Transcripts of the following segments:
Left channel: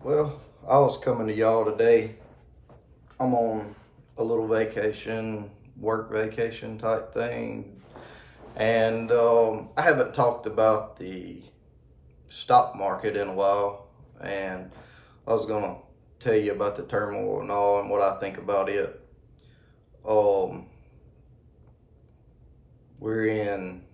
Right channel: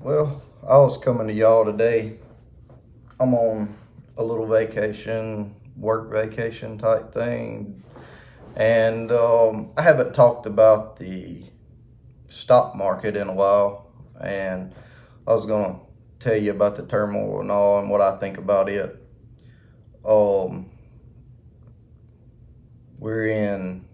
Well, I was coming to y'all today. I'm on a little vacation, work vacation type thing, and I haven't talked about the stock market in a while. And I was gonna tell you about the turmoil and all, and what I think about it. Um, we're in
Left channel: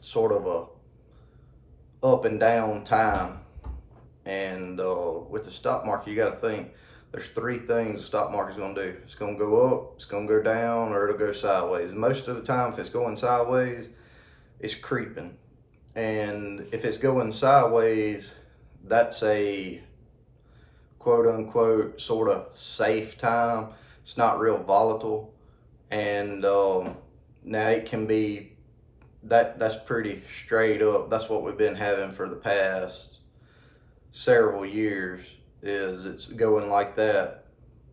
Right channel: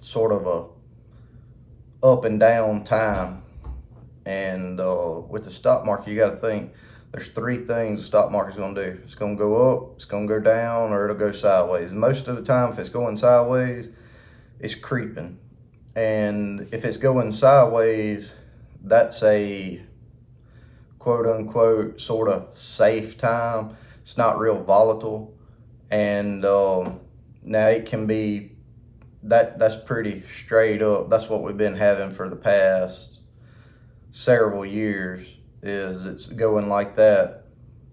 sort of a up and down time. And with the stock market, you got to think there's three things the stock market's going to do. It's going to go up, it's going to go down, or it'll go sideways. Most of the time, if it's going sideways, it's creeping. And if it's going sideways, that's a quote unquote sort of safe time. It's not real volatile. And now it can be that's pretty straight up. That's what we've been having for the past several years, is it's going like that.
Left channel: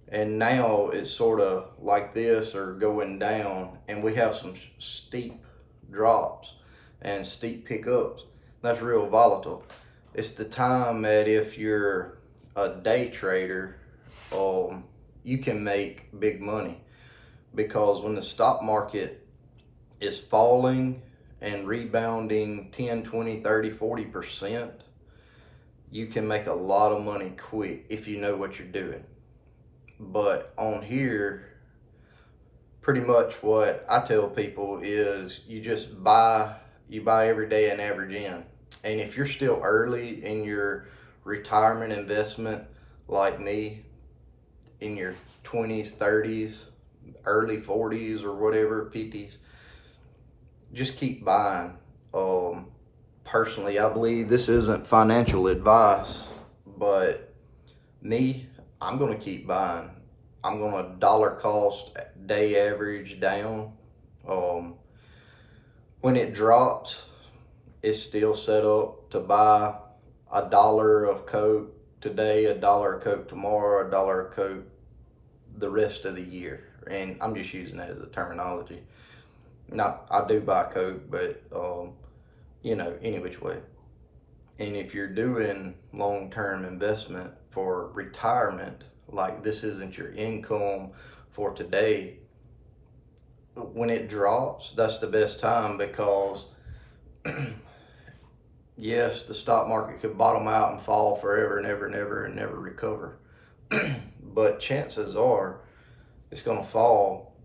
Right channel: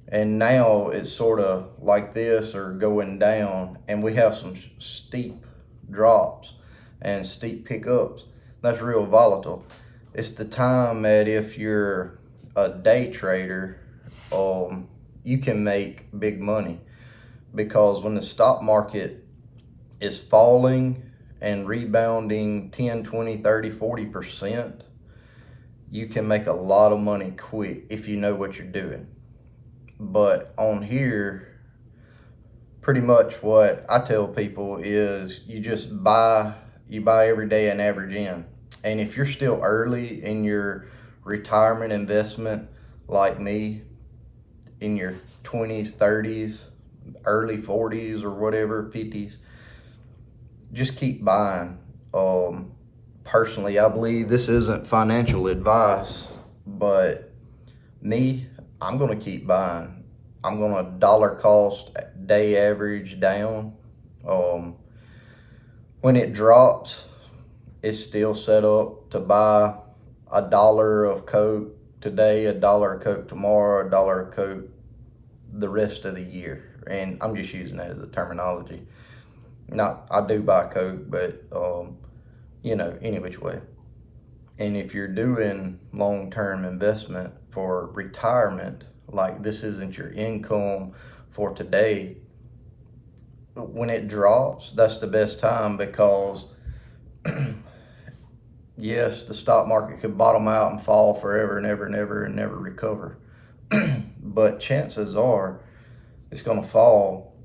And now it's sort of like this or going down, and we have some steep drops and steep pickups. That's real volatile. It's the time that if you're a day trader, you can make big money, because when the stock market is falling and rebounding 10, 20, 30, 40%, you can make a lot of money quick if you know what you're doing. But on here, pretty much what I tell people is you buy every day and average in. And if you're still early in your retirement investment, like me, in your 20s, 30s, early 40s, or whatever, 50s, just keep buying. Personally, I believe this isn't financial advice, but me, I'm going to keep buying. I'm going to dollar cost day average down. Um, when it drops, it's still set up to buy $1 of Coke today, $1 of Coke tomorrow, $1 of Coke the rest of the year. And I'm just using that as a terminology. Not, I do buy Coke, but any which way. And if you're doing long-term investment for retirement, like this isn't your income for today, when it drops, that's the best time, because yes, the stock market could bottom out and fall forever and ever and ever and never recover. But chances are it's going to fall.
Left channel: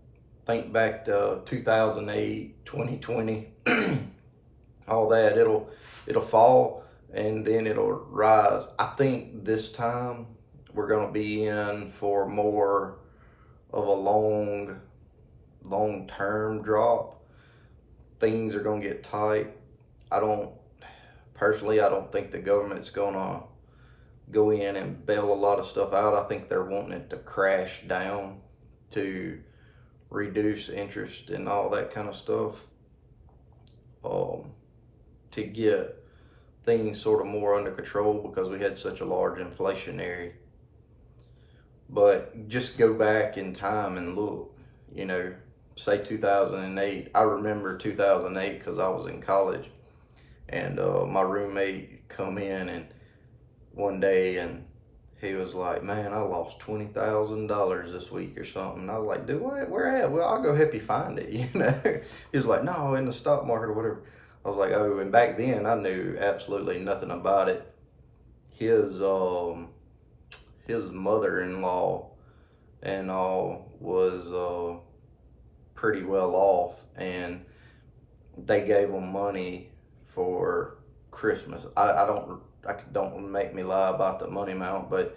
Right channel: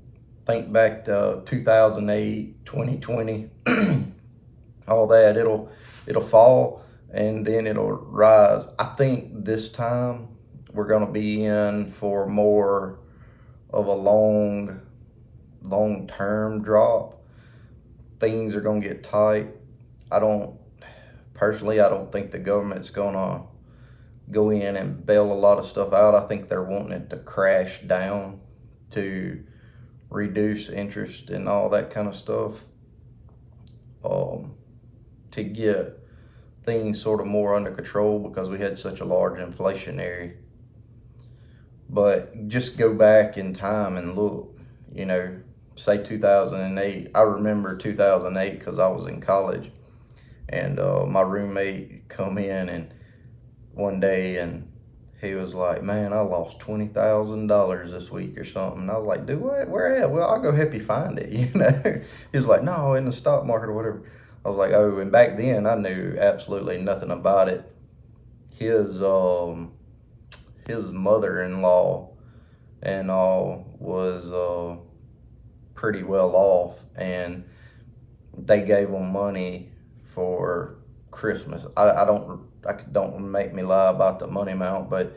Think back to 2008, 2020, all that. It'll fall and then it'll rise. I think this time we're going to be in for more of a long term drop. Things are going to get tight. I don't I don't think the government's going to go in and bail a lot of stuff out. I think they're wanting it to crash down to reduce interest and all that kind of stuff, to get things sort of more under control, because we had such a large inflationary. But just go back in time and look, say 2008. I remember 2008 because I was in college, and my roommate come in and one day, and he was like, "Man, I lost $20,000 this week or something." And I was like, "Do what? Where at?" "Well, I'll go help you find it." He was like, "No, in the stock market or whatever." I was like, "Oh," and back then I knew absolutely nothing about it. His his mother-in-law and all was pretty well off, and they gave him money for Christmas. I don't make me lie about the money amount, but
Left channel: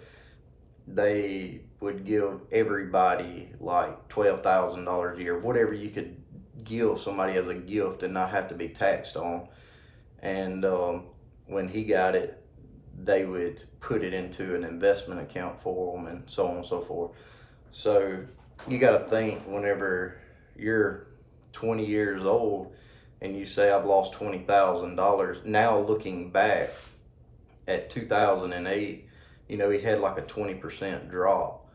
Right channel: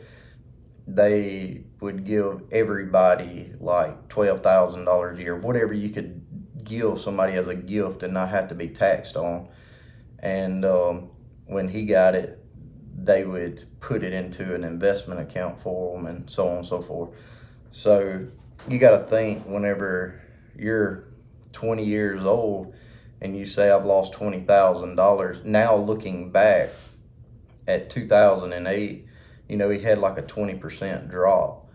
they would give everybody like $12,000 a year, whatever you could give somebody as a gift and not have to be taxed on. And when he got it, they would put it into an investment account for him, and so on and so forth. So you got to think, whenever you're 20 years old and you say, "I've lost $20,000." Now looking back at 2008, he had like a 20% drop.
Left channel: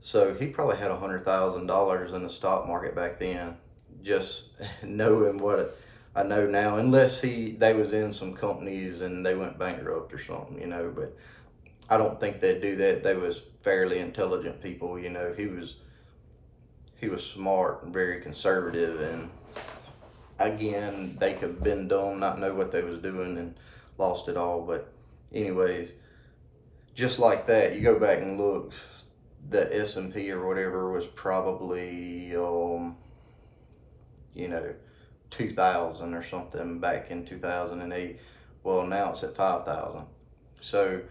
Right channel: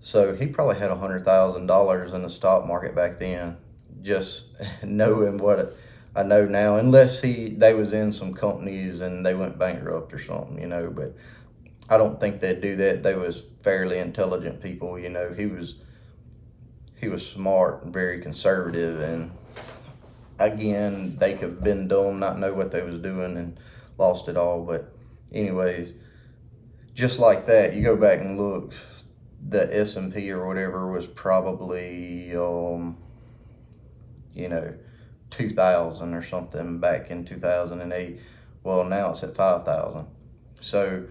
So he probably had $100,000 in the stock market back then, just knowing what I know now, unless they was in some companies and they went bankrupt or something. But I don't think they'd do that. They was fairly intelligent people. He was smart and very conservative, and again, they could have been dumb, not know what they was doing, and lost it all. But anyways, just like that, you go back and look, the S&P or whatever was probably you know 2,000 or something back in 2008. Well, now it's at 5,000. So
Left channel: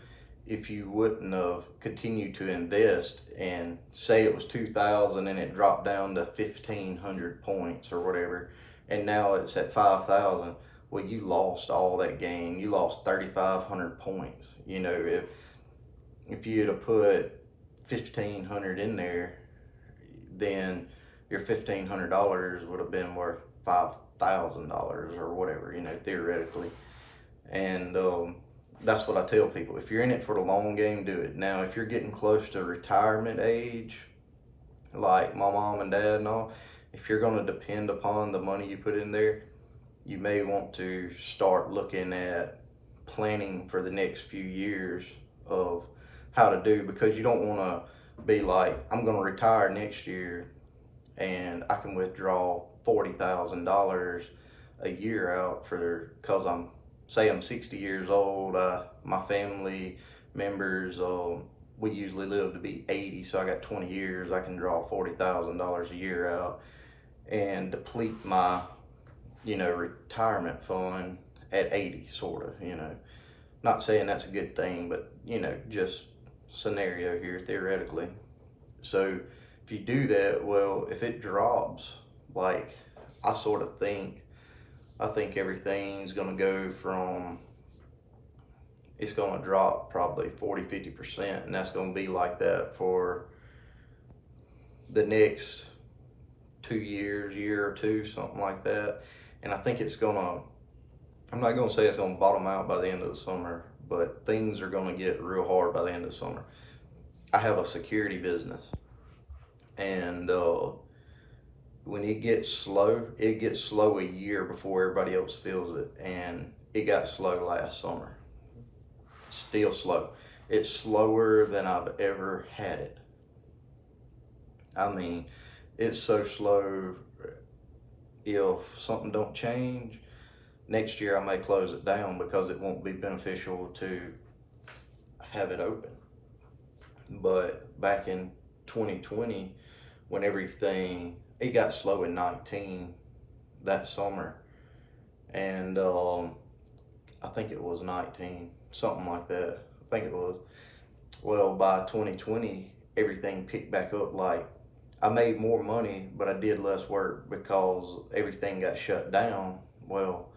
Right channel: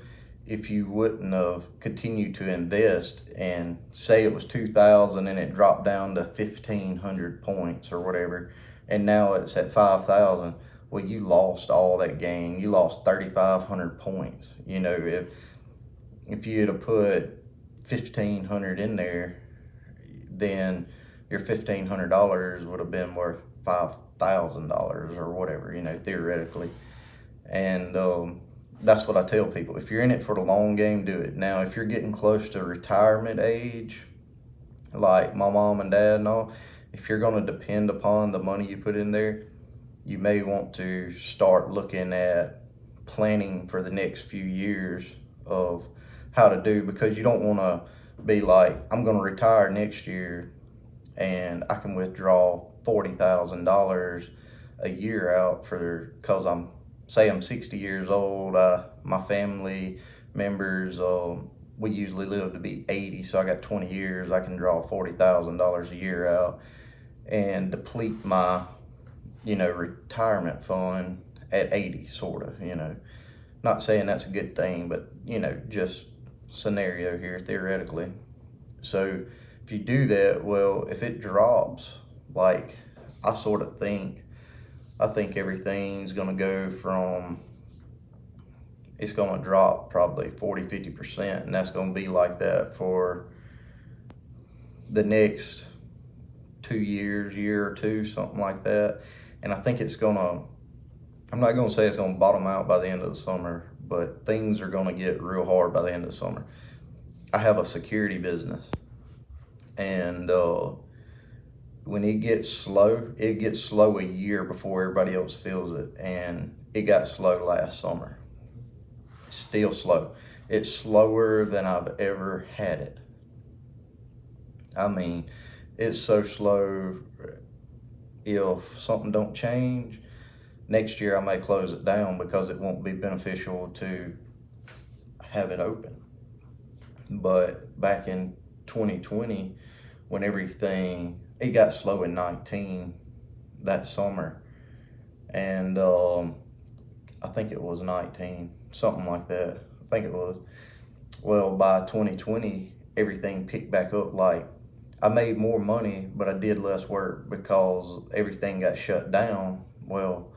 if you wouldn't have continued to invest and say it was 2,000 and it dropped down to 1,500 points or whatever, and now it's at 5,000, well, you lost all that gain. You lost 3,500 points. If you had to put 1,500 in there, then your $1,500 would have been worth $5,000 or whatever, theoretically. And that's what I tell people. If you're in it for the long game, do it. Now, if you're getting close to retirement age, like my mom and dad and all, if you're going to depend upon the money you put in there, you may want to start looking at planning for the next few years of how to do, because you don't want to be like, I'm going to retire next year and I can withdraw $40,000 a year out because I'm 60 years old. My family members, we usually live to be 80, so I got 20 years. I can draw $40,000 a year out and deplete my, retirement fund at 80, sort of. Not saying that's a good thing, but just scenario here theoretically. So if you do that, well, if it drops, like I sort of think, I think everything's going to go from, it's going to drop probably 40-50%, and that's going to be like that for the next 2 years, year or two, something like that. And I think I'm not going to say it's going to bottom out by the end of the summer, but things are going to get real hard by the end of the summer. I have a security business, and when it gets slow a year before everybody else feels it, and it got slow last summer. Still slow. It's slower than I've ever had it. I mean, it's so slow. If something don't change, next year I may close it down because it won't be beneficial to have it open. But back in 2020, when it got slow in 19 that summer, and I think it was 19, something like that. I think it was. Well, by 2020, everything picked back up. Like, I made more money, but I did less work because everything got shut down. Well,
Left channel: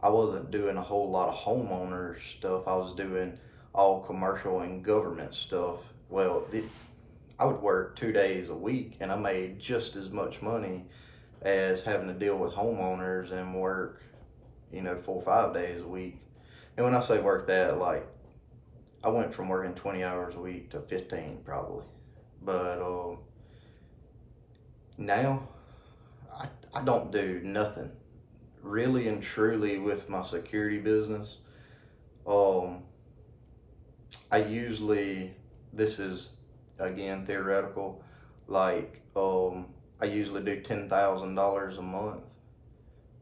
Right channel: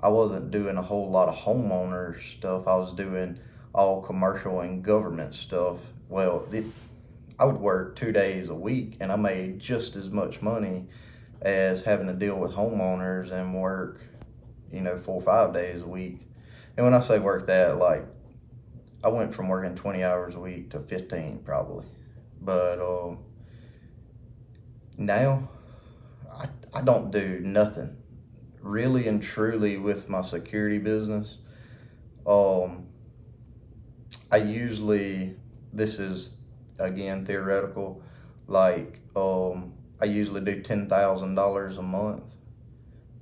I wasn't doing a whole lot of homeowner stuff. I was doing all commercial and government stuff. Well, I would work 2 days a week, and I made just as much money as having to deal with homeowners and work, 4 or 5 days a week. And when I say work that, like, I went from working 20 hours a week to 15 probably. But now I don't do nothing really and truly with my security business. I usually, this is again theoretical, like I usually do $10,000 a month.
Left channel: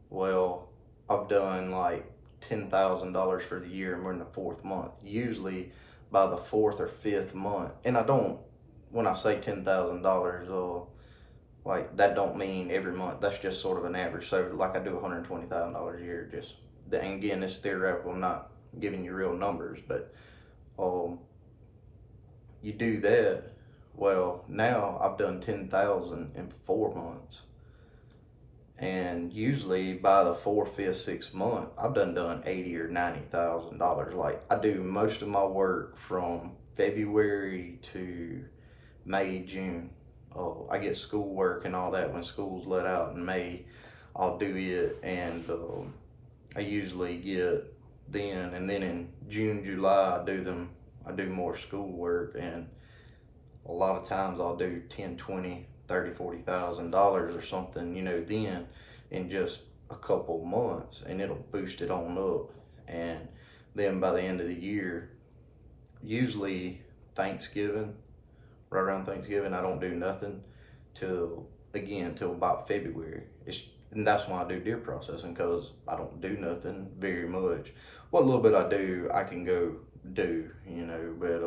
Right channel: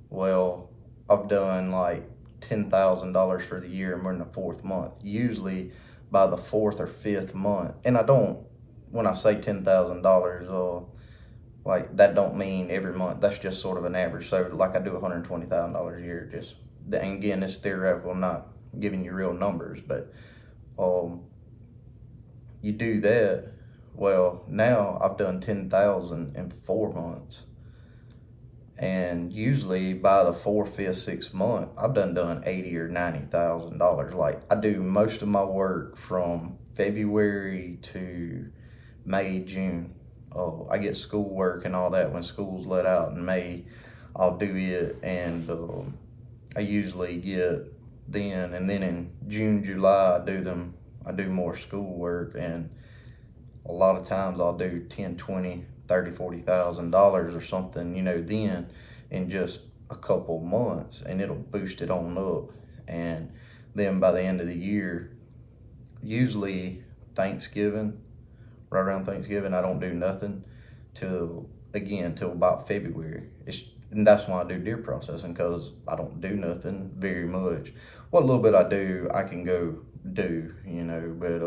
Well, I've done like $10,000 for the year, and we're in the fourth month. Usually by the fourth or fifth month, and when I say $10,000, like that don't mean every month. That's just sort of an average. So like I do $120,000 a year. And again, it's theoretical. I'm not giving you real numbers, but you do that. Well, now I've done 10,000 in 4 months. And usually by the 4th, 5th, 6th month, I've done $80,000 or $90,000. Like, I do most of my work from February to May, June. I get school work and all that when school's let out in May. I'll do it, and I usually get then, and then in June, July, I do more school work, and a lot of times I'll do 10, 20, 30, $40,000 or something, then in just a couple months, and it'll boost it on up. And then by the end of the year, usually Thanksgiving, right around Thanksgiving, I don't do nothing till till about February. And that's when I do deer processing, because I don't do nothing very much. What little bit I do, I can go do, But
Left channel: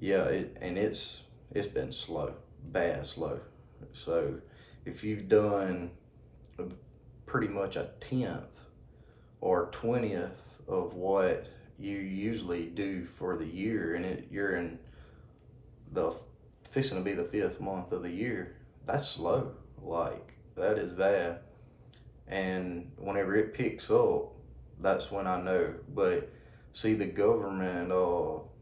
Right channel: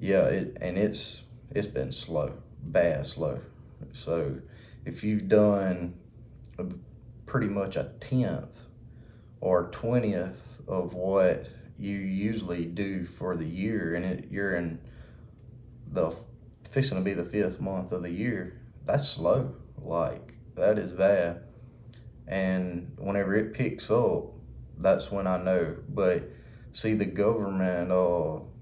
yeah, it's been slow, bad slow. So if you've done pretty much a tenth or 20th of what you usually do for the year, and you're in the fixing to be the 5th month of the year, that's slow. Like, that is bad. And whenever it picks up, that's when I know. But see, the government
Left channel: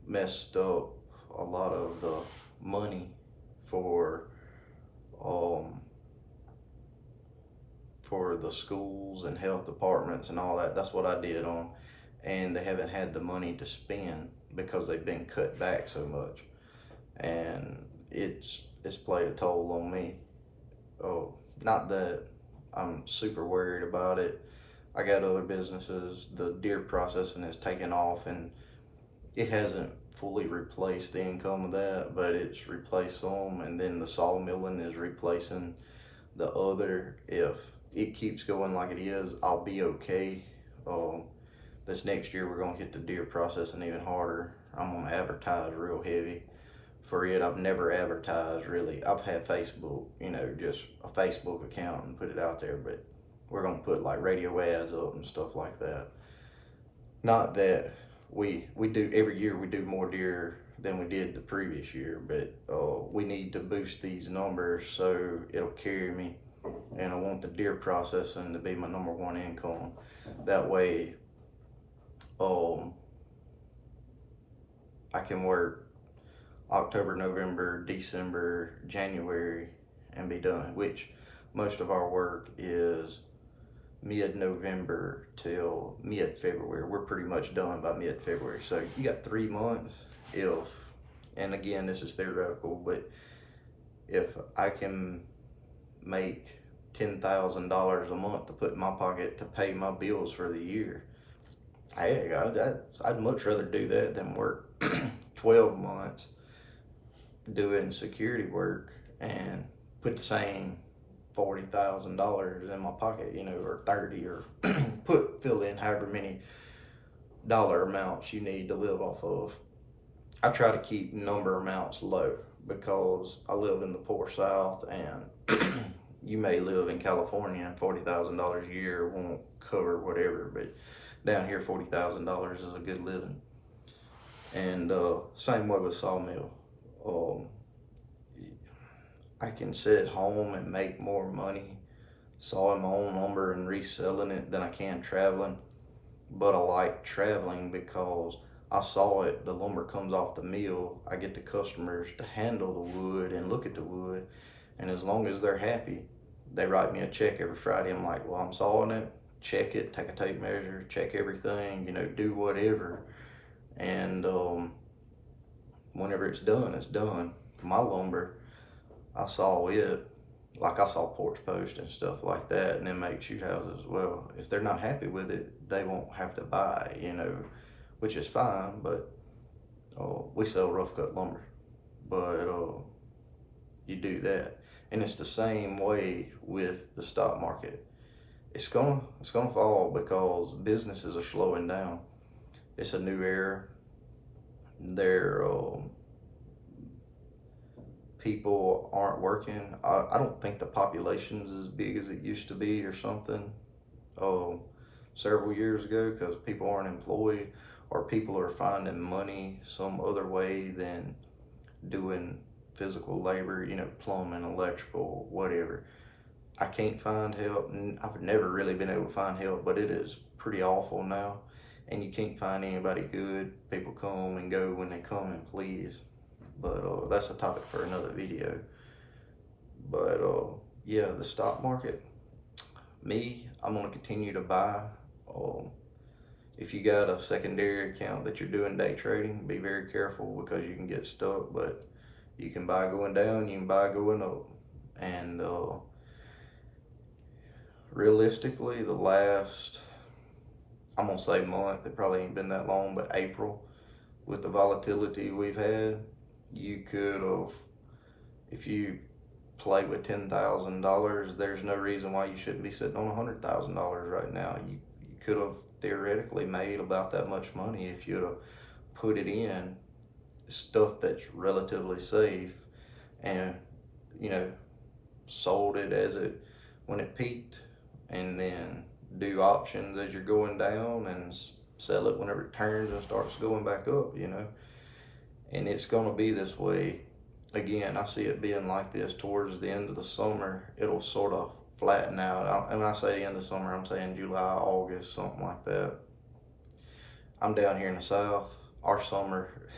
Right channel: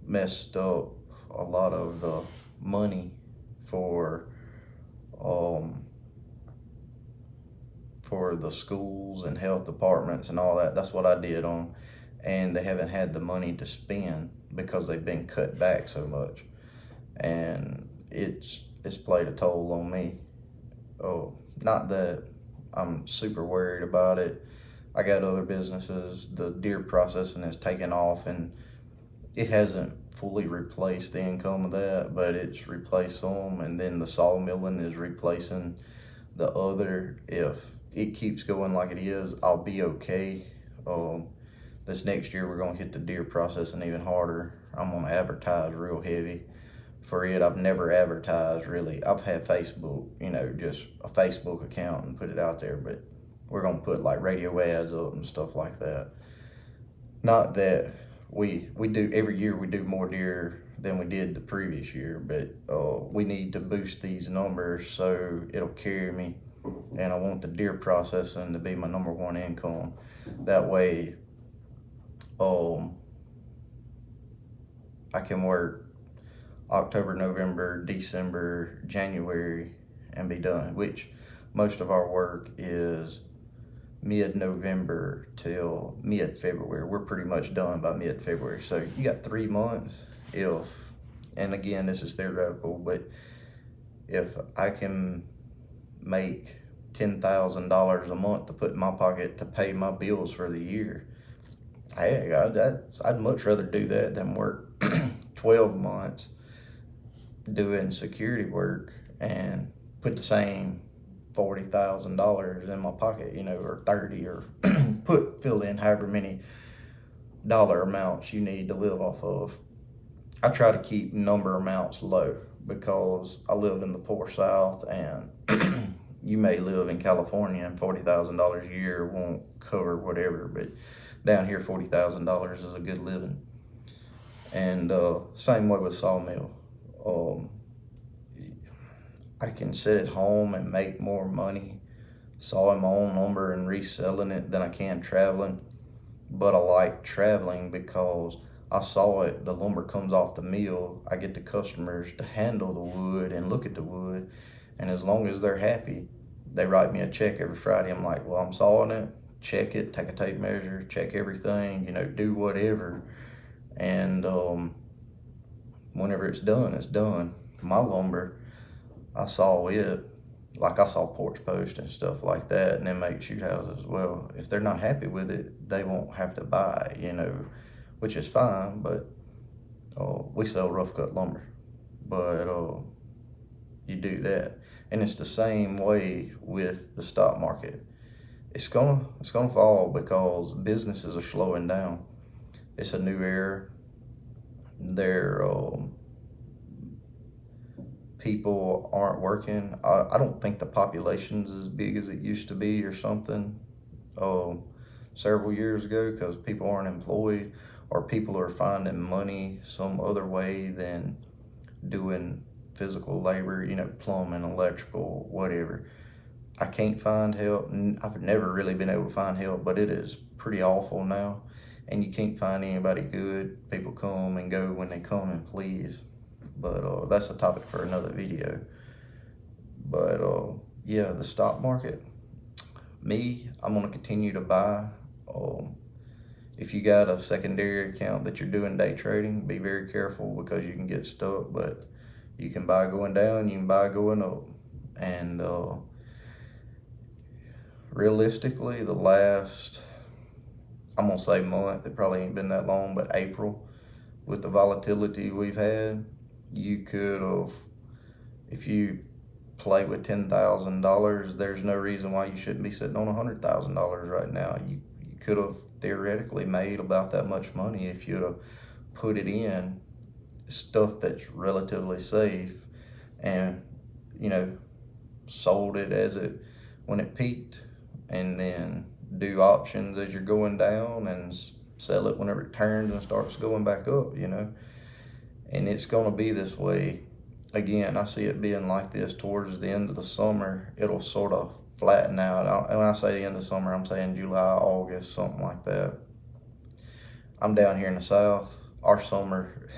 messed up a lot of the money for um for the schools and health departments and all that. That's what I did on, and they haven't had the money to spend because they've been cut back so much, and it's played a toll on me. Oh, not that I'm super worried about it. I got other businesses. The deer processing has taken off, and it hasn't fully replaced the income of that, but it's replaced some, and then the sawmilling is replacing the other. If it keeps going like it is, I'll be okay. This next year we're gonna hit the deer processing even harder. I'm gonna advertise real heavy for it. I've never advertised really. I've had Facebook, just a Facebook account and put it out there, but we're gonna put like radio ads up and stuff like that. Not that we do every year, we do more deer than we did the previous year, but we need to boost these numbers so it'll carry me. And I want the deer processing to be my number one income. That way, I can work October, November, December, January, and be done. Which most of our work is mid-November till mid-February. We're pretty much done by mid-February. So you got 3 months. And again, this is theoretical, but if I can make $10,000 a month to put in my pocket to pay my bills for the year, hey, I'd much rather do that than work 12 months doing security work and put the same $40,000 in my pocket, or 30, or fill in however many dollar amounts you need to live off of. I try to keep number amounts low because I live in the poor South, and you may live in California and $40,000 a year won't cover whatever, but down here $40,000 is a good living. And same way with sawmill. I can sit at home and make more money sawing my own lumber and reselling it than I can traveling. But I like traveling because I saw it, the lumber comes off the mill, I get the customers to handle the wood and look at the wood, and as long as they're happy, they write me a check every Friday. I'm like, well, I'm sawing it, check it, take a tape measure, check everything, do whatever. And whenever it's done, it's done. My lumber, I saw it, like I saw porch posts and stuff like that, and then make shoot houses as well. If they're not happy with it, they won't have to buy, which is fine, but we sell rough cut lumber. But you do that. And it's the same way with the stock market. It's gonna fall because businesses are slowing down. It's a new era. People aren't working. I don't think the population's as big as it used to be or something several years ago, because people aren't employed, or people are finding money some other way than doing physical labor, plumbing, electrical, whatever. I can't find help. I've never really been able to find help, but it is pretty awful now, and you can't find anybody good. People come and go when they come and please. But that's a topic for another video. But yeah, the stock market, I'm gonna continue to buy. If you got a secondary account that you're doing day trading, be very careful because you can get stuck. But you can buy going down, you can buy going up. And realistically, the last, I'm gonna say month, it probably ain't been that long, but April, with the volatility we've had, you could have, if you play with $10,000, there's no reason why you shouldn't be sitting on $100,000 right now. You could have theoretically made about that much money if you'd have put it in stuff that's relatively safe, and you know, sold it as it when it peaked, and then do options as you're going down and sell it whenever it turns and starts going back up, you know. And it's going to be this way. Again, I see it being like this towards the end of the summer. It'll sort of flatten out. And when I say the end of summer, I'm saying July, August, something like that. I'm down here in the South. Our summer,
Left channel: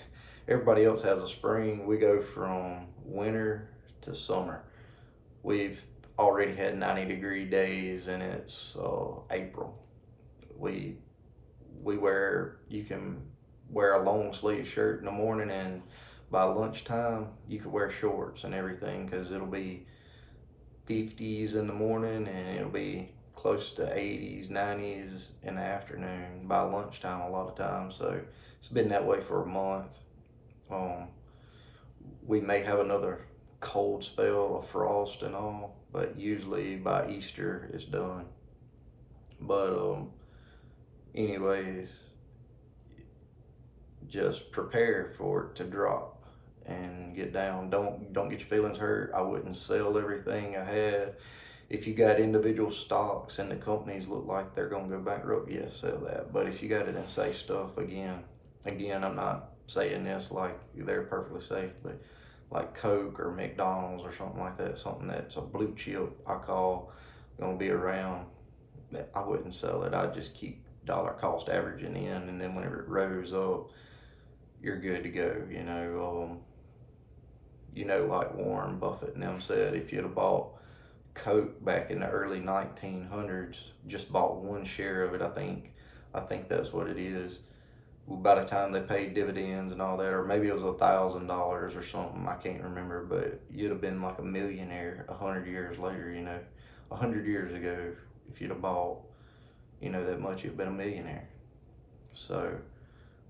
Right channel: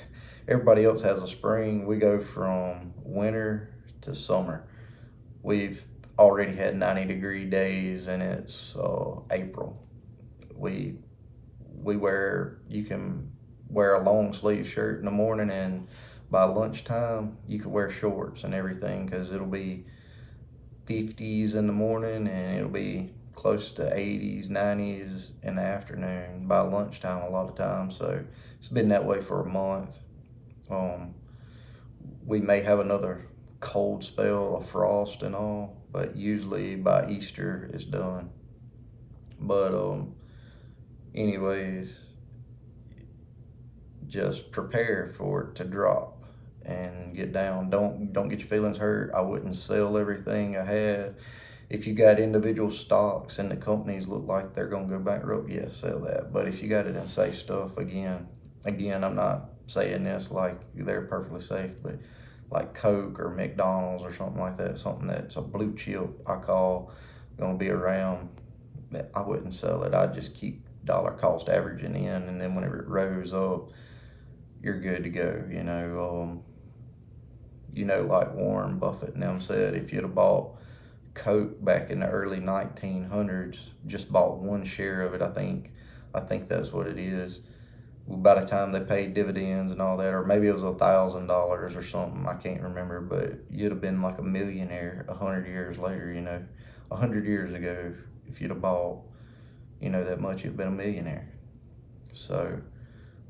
everybody else has a spring. We go from winter to summer. We've already had 90-degree days, and it's April. We you can wear a long sleeve shirt in the morning, and by lunchtime you could wear shorts and everything, because it'll be 50s in the morning and it'll be close to 80s, 90s in the afternoon by lunchtime a lot of times. So it's been that way for a month. We may have another cold spell of frost and all, but usually by Easter it's done. But anyways, just prepare for it to drop and get down. Don't get your feelings hurt. I wouldn't sell everything I had. If you got individual stocks and the companies look like they're gonna go bankrupt, yes, sell that. But if you got it in safe stuff, again, I'm not saying this like they're perfectly safe, but like Coke or McDonald's or something like that, something that's a blue chip, I call gonna be around, I wouldn't sell it. I'd just keep dollar cost averaging in, and then whenever it rose up, you're good to go. Like Warren Buffett and them said, if you'd have bought Coke back in the early 1900s, just bought one share of it, I think that's what it is. By the time they paid dividends and all that, or maybe it was $1,000 or something, I can't remember, but you'd have been like a millionaire 100 years later. 100 years ago, if you'd have bought, that much, you'd have been a millionaire. So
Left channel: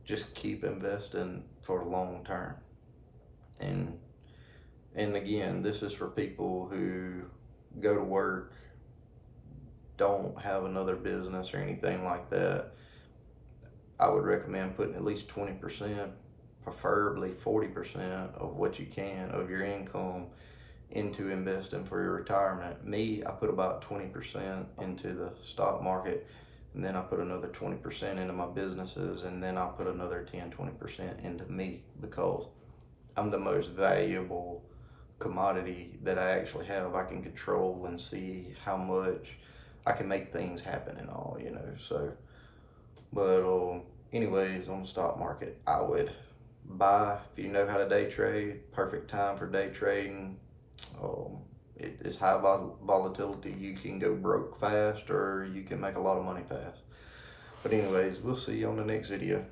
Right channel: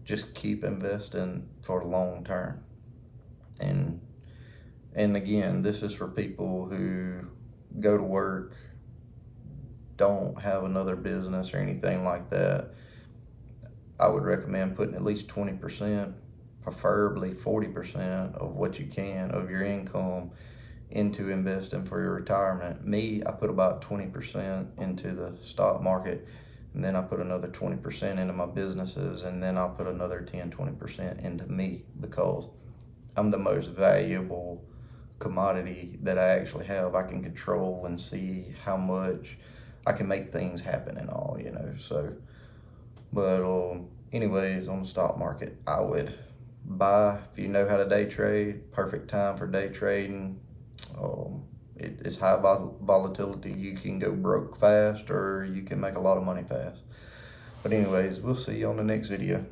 just keep investing for the long term. And again, this is for people who go to work, don't have another business or anything like that. I would recommend putting at least 20%, preferably 40% of what you can of your income into investing for your retirement. Me, I put about 20% into the stock market, and then I put another 20% into my businesses, and then I'll put another 10-20% into me, because I'm the most valuable commodity that I actually have. I can control and see how much I can make things happen and all, so. But anyways, on the stock market, I would buy, if you know how to day trade, perfect time for day trading. It's high volatility. You can go broke fast, or you can make a lot of money fast. But anyways, we'll see you on the next video.